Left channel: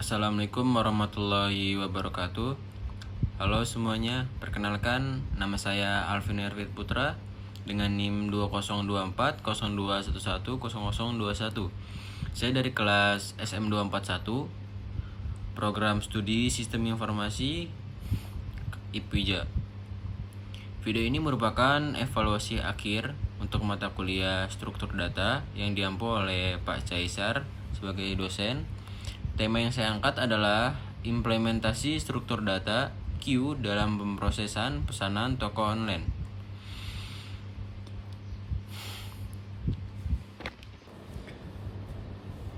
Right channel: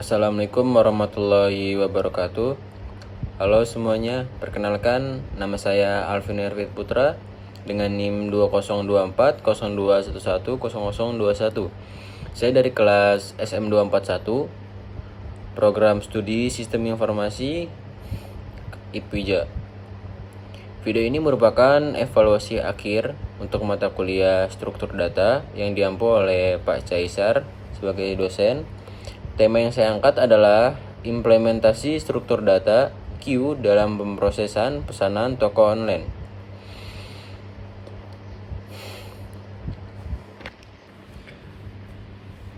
Assalamualaikum warahmatullahi wabarakatuh. Halo semuanya, perkenalkan nama saya Alvin Erwit Putra dengan NIM 202402110021. Saya dari kelas SM241, Program Studi Sistem Informasi IPWIJA. Video ini merupakan evaluasi akhir untuk mata kuliah struktur data yang diampu oleh Pak Caisar sebagai dosen. Tema yang saya angkat adalah implementasi struktur data Q dalam pemrosesan pesanan toko online.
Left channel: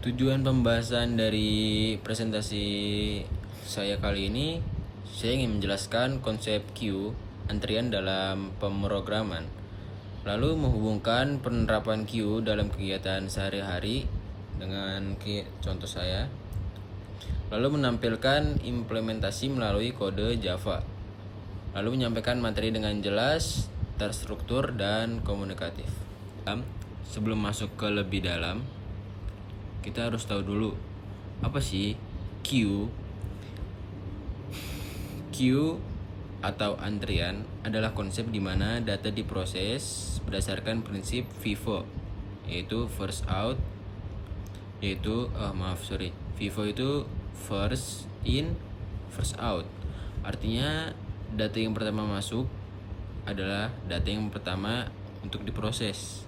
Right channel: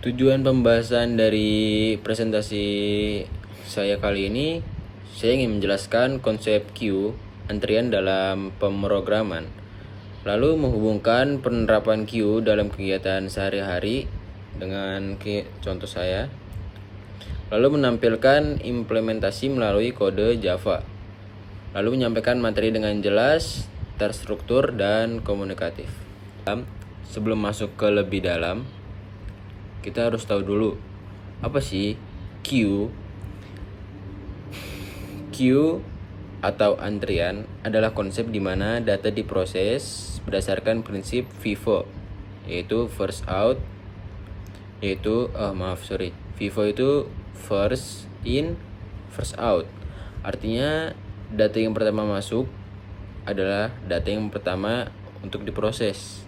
Tujuan pembahasan dari presentasi saya kali ini, saya ingin menjelaskan konsep Q, antrian dalam pemrograman, lalu menghubungkan penerapan Q dalam kegiatan sehari-hari dengan contoh saya, lalu menampilkan implementasi melalui kode Java, lalu menyampaikan materi dengan jelas, terstruktur, dan komunikatif. Sebelum masuk ke lebih dalam, kita harus tahu dulu apa sih Q. Q atau antrian adalah konsep di mana data diproses berdasarkan prinsip FIFO, yaitu first out, FIFO itu first in, first out. Artinya data yang pertama masuk adalah data yang pertama untuk diproses.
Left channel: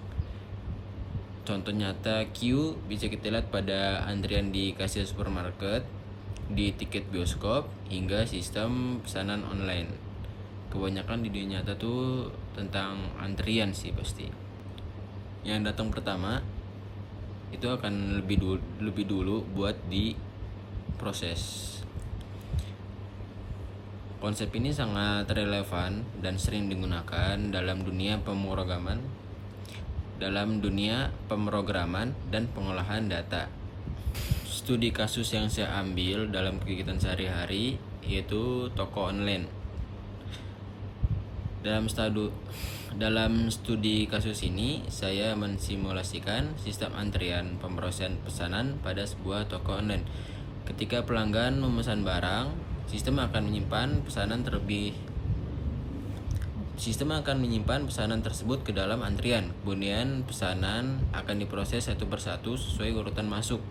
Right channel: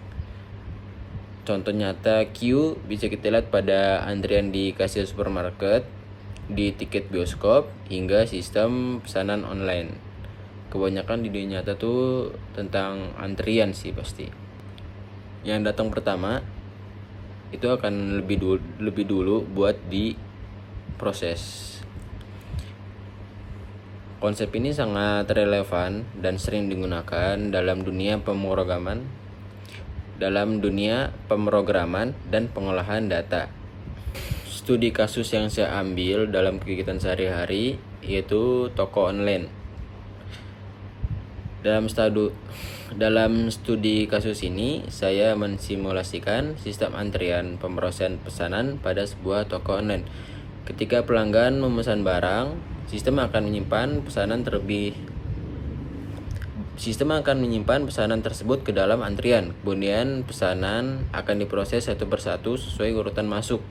Contoh nyata Q bisa kita lihat pada antrian di kasir supermarket, di tiket bioskop, hingga sistem pesanan online. Kebanyakan di dunia nyata tuh tentang antrian sih pasti. Yang datang pertama itu akan lebih dulu buat diproses. Konsep ini sangat relevan dan sering digunakan dalam dunia pemrograman dan pengolahan data. Studi kasus yang saya ambil dalam kegiatan sehari-hari yaitu toko online. Dalam studi kasus ini, saya mensimulasikan sistem antrian pemrosesan pesanan pada sebuah toko online. Ketika pelanggan memesan barang, sistem akan menyimpan pesanan tersebut ke dalam antrian. Kemudian pesanan akan diproses satu persatu sesuai urutan masuk.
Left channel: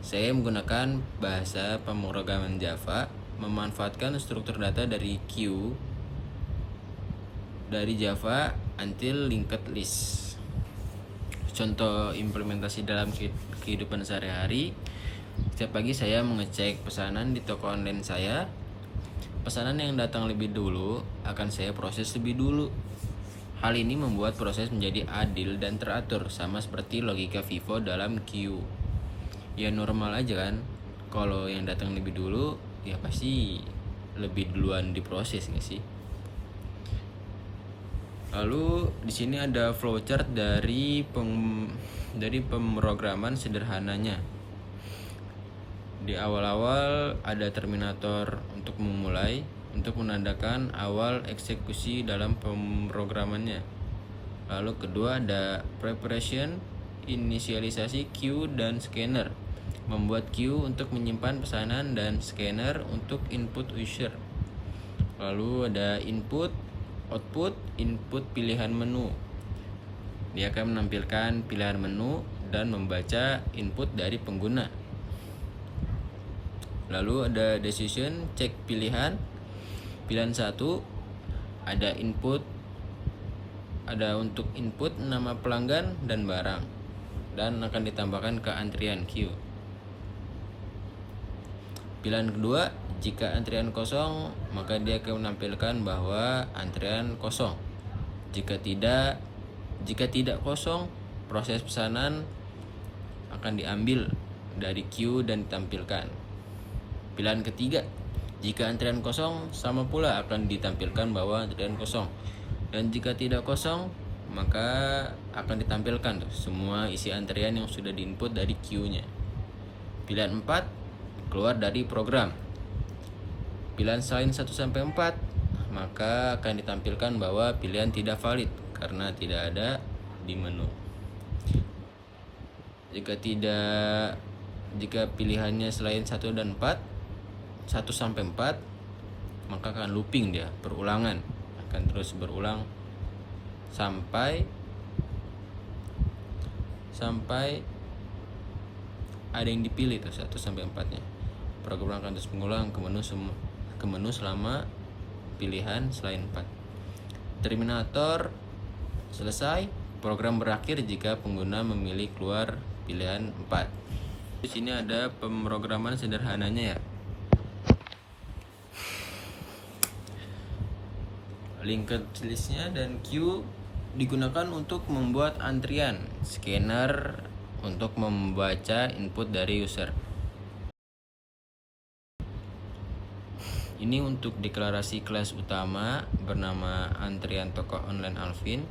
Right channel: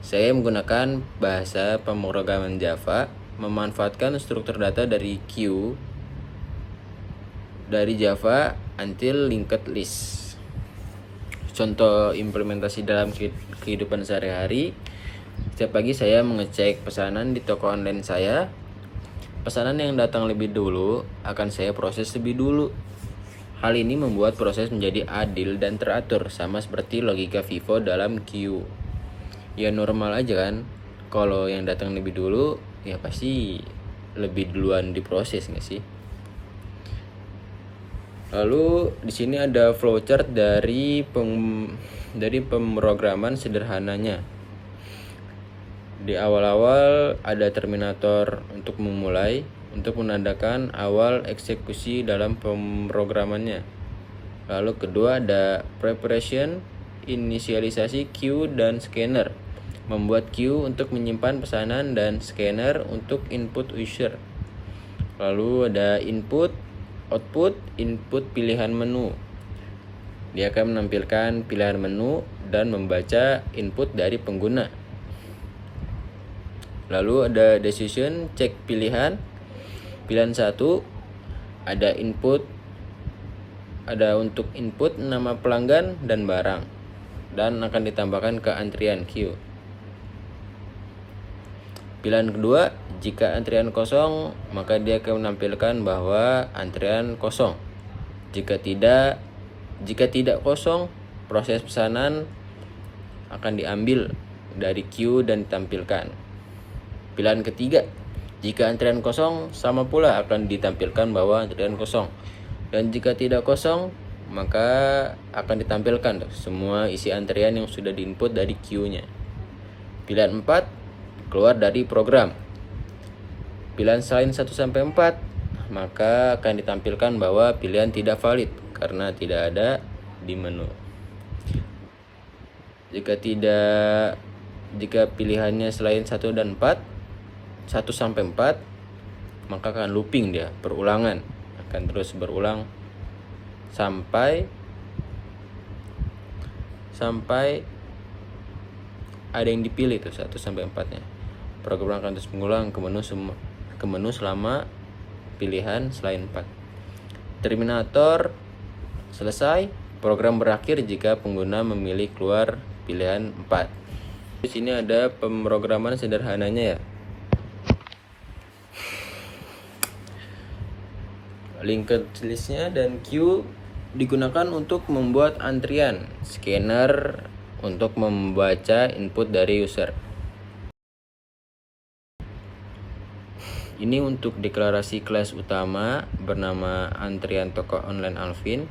Saya menggunakan bahasa pemrograman Java, memanfaatkan struktur data dari Q dari Java until linked list. Contoh implementasi dalam kehidupan sehari-hari. Setiap pagi saya mengecek pesanan di toko online saya. Pesanan yang datang lebih dulu akan saya proses lebih dulu. Hal ini membuat proses menjadi adil dan teratur, sama seperti logika FIFO dalam Q. Ya normal aja kan, kalau yang datang lebih dulu ya pasti lebih duluan diproses nggak sih? Lalu di sini ada flowchart dari pemrograman sederhananya. Di awal-awal ada terminator untuk memulai, untuk menandakan awal eksekusi dalam pemrogramannya. Lalu kedua ada preparation, inisialisasi Q dan scanner, membuat Q untuk menyimpan pesanan dan scanner untuk input user. Lalu ada input, output, input pilihan menu. Dia akan menampilkan pilihan menu dan membaca input dari pengguna. Lalu ada decision, cek pilihan. Pilihan 1 ada input, ada untuk input nama pelanggan dan barang, dan akan ditambahkan ke antrian Q. Pilihan kedua, jika antrian kosong, maka dia akan menampilkan bahwa antrian kosong. Jika tidak kosong, proses pesanan akan diambil dari Q dan ditampilkan. Pilihan ketiga, jika antrian kosong, sama pula akan ditampilkan bahwa antrian kosong. Dan jika tidak kosong, maka akan ditampilkan semua isi antrian yang sudah diinput dari Q-nya. Pilihan 4, keluar dari program. Pilihan selain 1-4, maka akan ditampilkan bahwa pilihan tidak valid karena tidak ada di menu. Jika tidak Jika pilihannya selain 1 dan 4, 1 sampai 4, maka akan looping dia, berulangan. Akan terus berulang sampai ada yang dipilih tuh 1 sampai 4-nya. Program akan terus mengulang ke menu selama pilihan selain 4. Terminator selesai. Program berakhir jika pengguna memilih keluar pilihan 4. Di sini ada pemrograman sederhananya ya. Linked listnya dan queue digunakan untuk membuat antrian, scanner untuk membaca input dari user. Ini untuk deklarasi kelas utama bernama antrian toko online Alvin.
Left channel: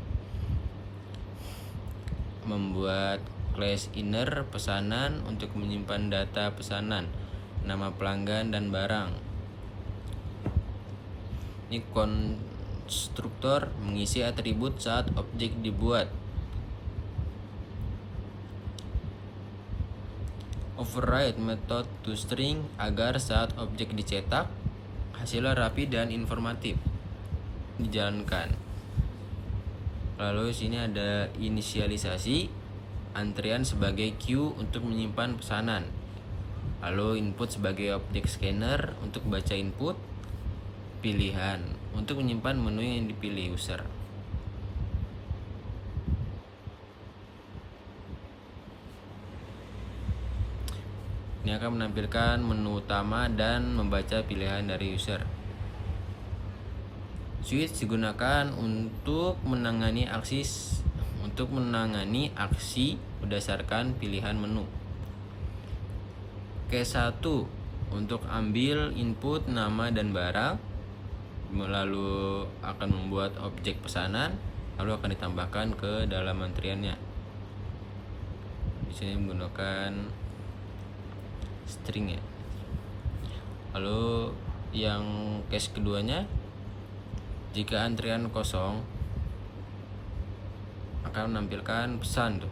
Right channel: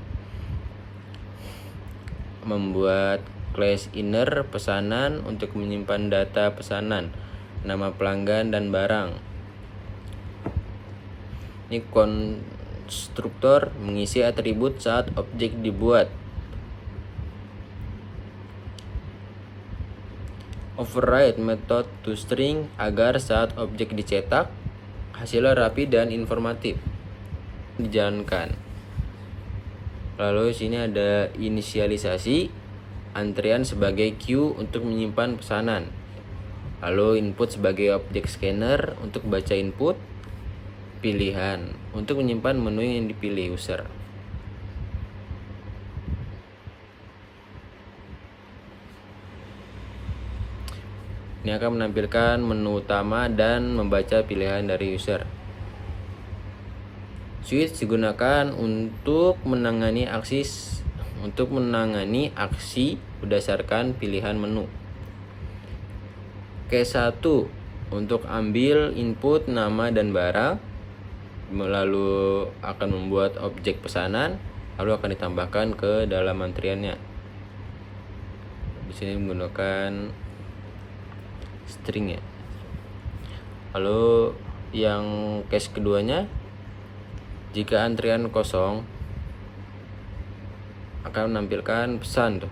Membuat kelas inner pesanan untuk menyimpan data pesanan, nama pelanggan dan barang. Ini konstruktor mengisi atribut saat objek dibuat. Override method to string agar saat objek dicetak hasilnya rapi dan informatif dijalankan. Lalu sini ada inisialisasi antrian sebagai queue untuk menyimpan pesanan. Lalu input sebagai objek scanner untuk baca input, pilihan untuk menyimpan menu yang dipilih user. Ini akan menampilkan menu utama dan membaca pilihan dari user. Switch digunakan untuk menangani aksi berdasarkan pilihan menu. Case 1 untuk ambil input nama dan barang, lalu akan membuat objek pesanan, lalu akan ditambahkan ke dalam antriannya. Di sini menggunakan string ya. Lalu yang case keduanya, jika antrian kosong akan menampilkan pesan tuh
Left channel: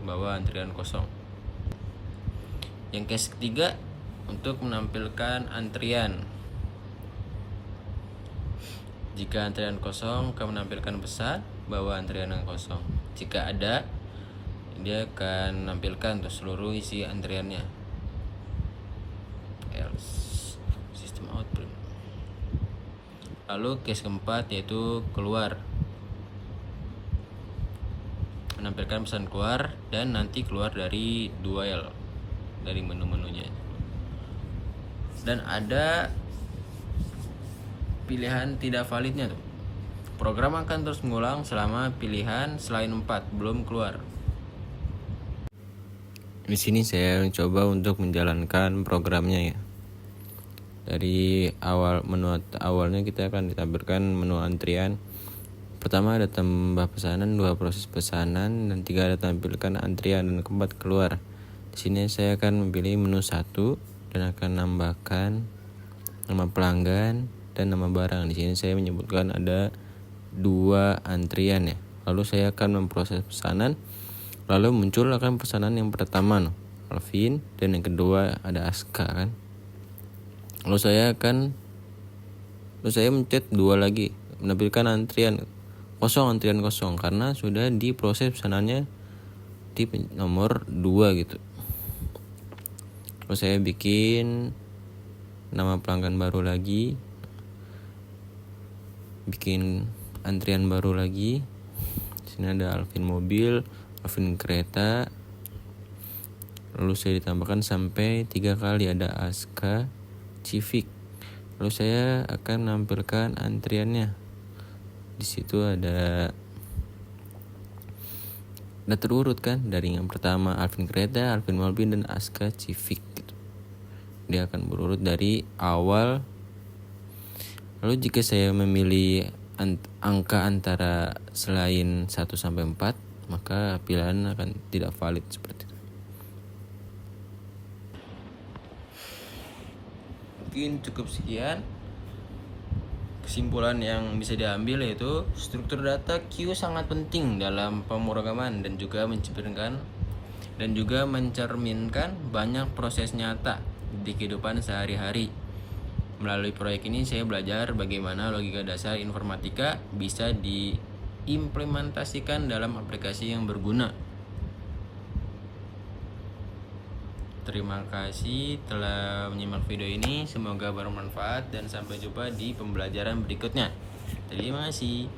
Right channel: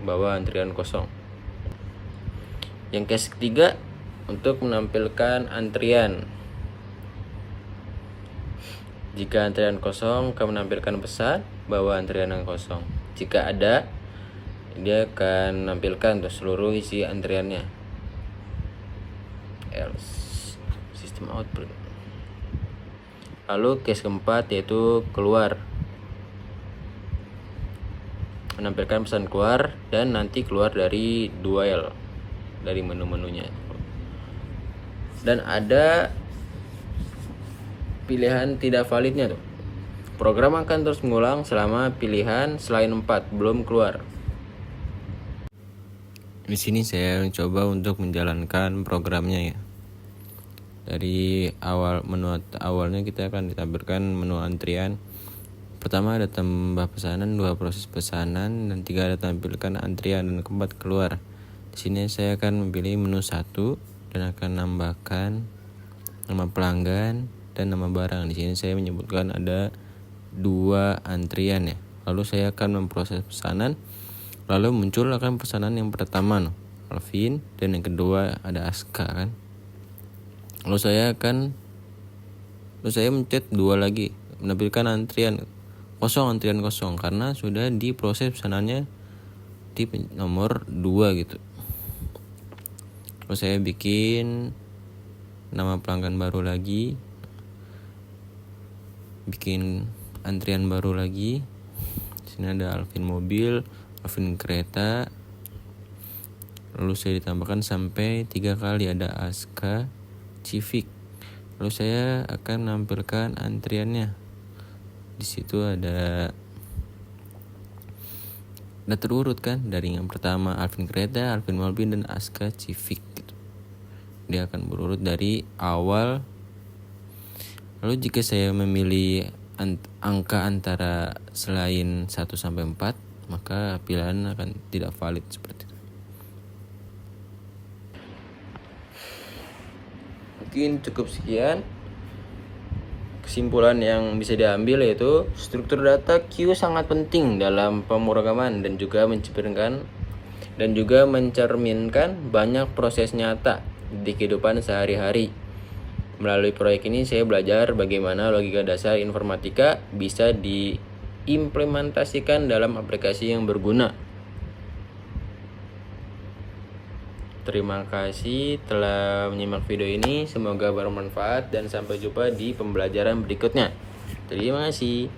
bahwa antrian kosong. Yang case ketiga untuk menampilkan antrian. Jika antrian kosong akan menampilkan pesan bahwa antrian yang kosong. Jika ada, dia akan menampilkan tuh seluruh isi antriannya. Else sistem output. Lalu case keempat yaitu keluar, menampilkan pesan keluar dan nanti keluar dari dual dari menu-menunya. Dan ada pilihan tidak validnya tuh. Program akan terus mengulang selama pilihan selain 4 belum keluar. Di sini saya mencoba untuk menjalankan programnya ya. Dari menu awalnya kita akan ditampilkan menu antrian. Pertama ada tambah pesanan, 2 proses pesanan, dan 3 ada tampilkan antrian, dan 4 keluar. Di sini saya akan memilih menu 1 dan akan nambahkan nama pelanggan dan nama barang. Di sini saya menyebutkan ada 2 antrian ya. Lalu saya akan memproses pesanan. Lalu muncul akan pesanan yang pertama Alvin, dan yang kedua ada Aska kan. Lalu saya mencet 2 lagi, menampilkan antrian kosong karena sudah diproses pesanannya di nomor 2 gitu. Lalu saya bikin nama pelanggan baru lagi, bikin antrian baru lagi. Di sini ada Alvin mobil, Alvin kereta. Lalu saya ditambahkan sampai 3 kali, ada Aska, Civic. Lalu saya akan menampilkan antriannya. Di situ ada terurut kan, dari yang pertama Alvin kereta, Alvin mobil, dan Aska Civic gitu. Dia akan berurut dari awal. Lalu jika saya memilih angka antara selain 1 sampai 4, maka pilihan akan tidak valid seperti itu. Mungkin cukup sekian. Kesimpulan yang bisa diambil yaitu struktur data queue sangat penting dalam pemrograman dan juga menciptakan dan juga mencerminkan banyak proses nyata di kehidupan sehari-hari. Melalui proyek ini saya belajar bagaimana logika dasar informatika bisa diimplementasikan dalam aplikasi yang berguna. Terima kasih telah menyimak video ini, semoga bermanfaat dan sampai jumpa di pembelajaran berikutnya. Terima kasih.